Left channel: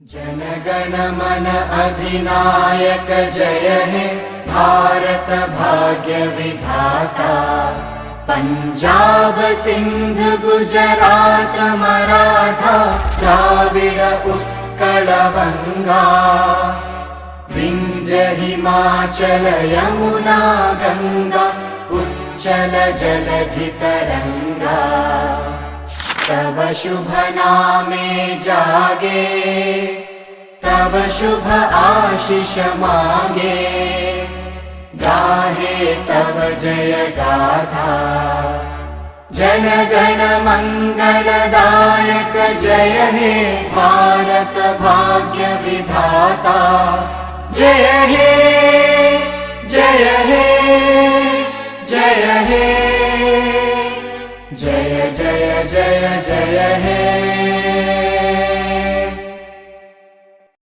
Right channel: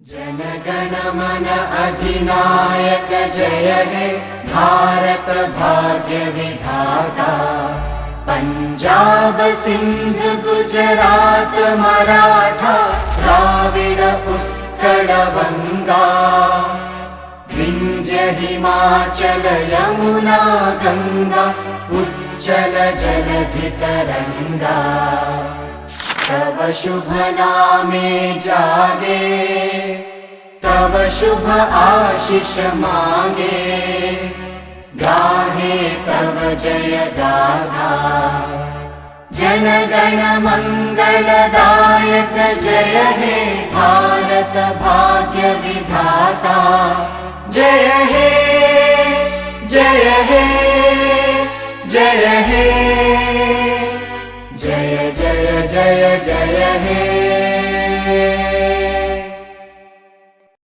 जनगण मन अधिनायक जय हे भारत भाग्य विधाता। पंजाब सिंध गुजरात मराठा द्राविड उत्कल बंगा। विंध्य हिमाचल यमुना गंगा उच्चल जलधि तरंगा। तव शुभ नामे जागे तव शुभ आशीष मागे। गाहे तव जय गाथा जन गण मंगलदायक जय हे भारत भाग्य विधाता। जय हे जय हे जय हे जय जय जय जय हे।